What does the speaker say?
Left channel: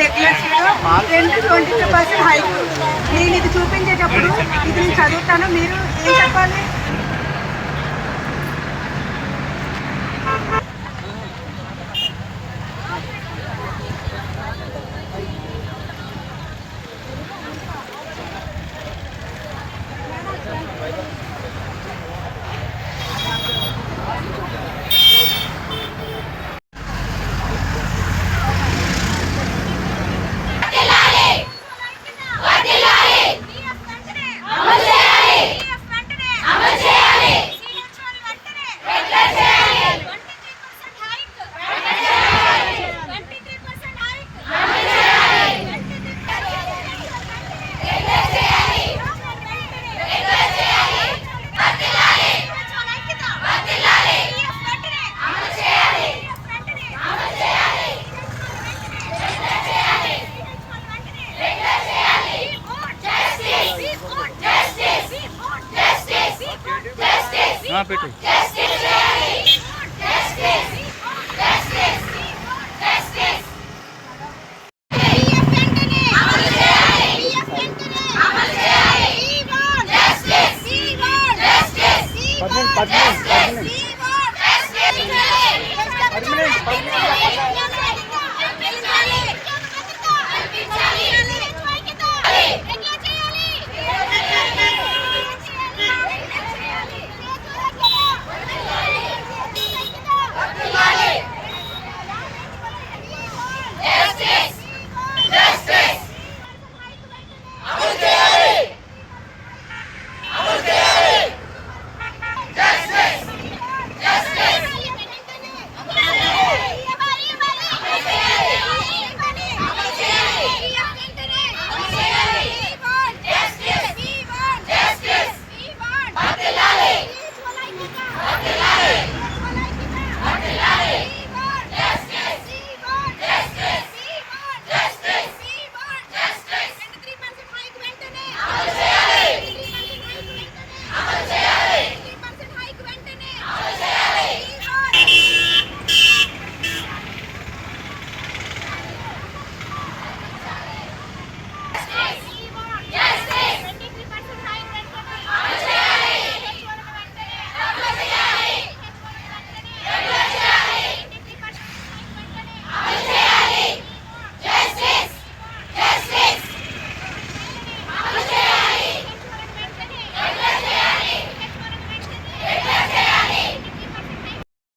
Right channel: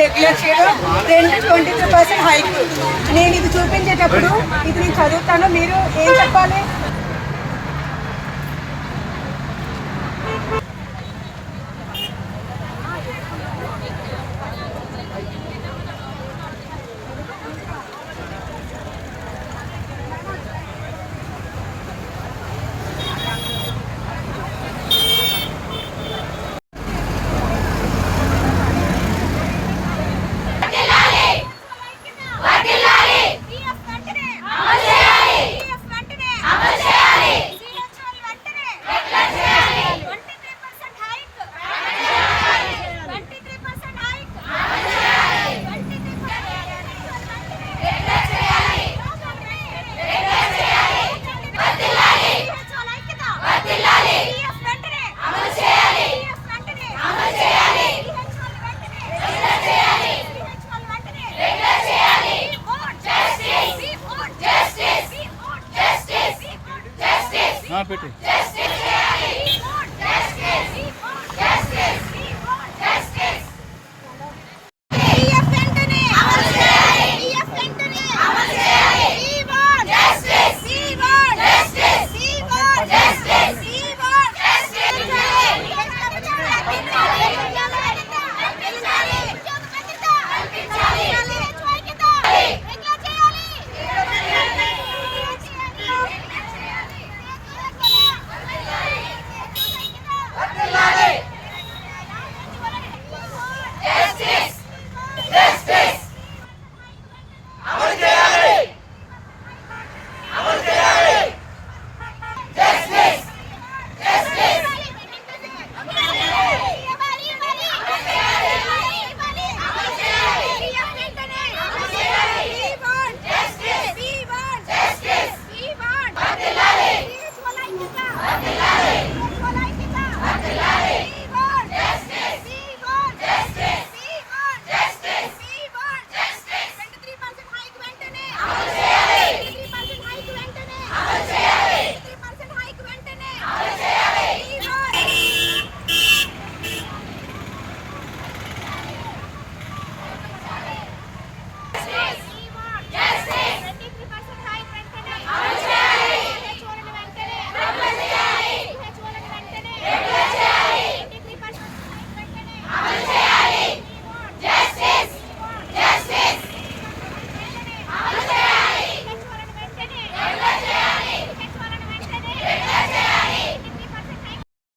లక్షలు రెండు twenty three percent hike నేను ఇది చూపించేటప్పుడు ఇది నేను చదువుతాను మీరు ఏం చెప్పాలి? పెట్టు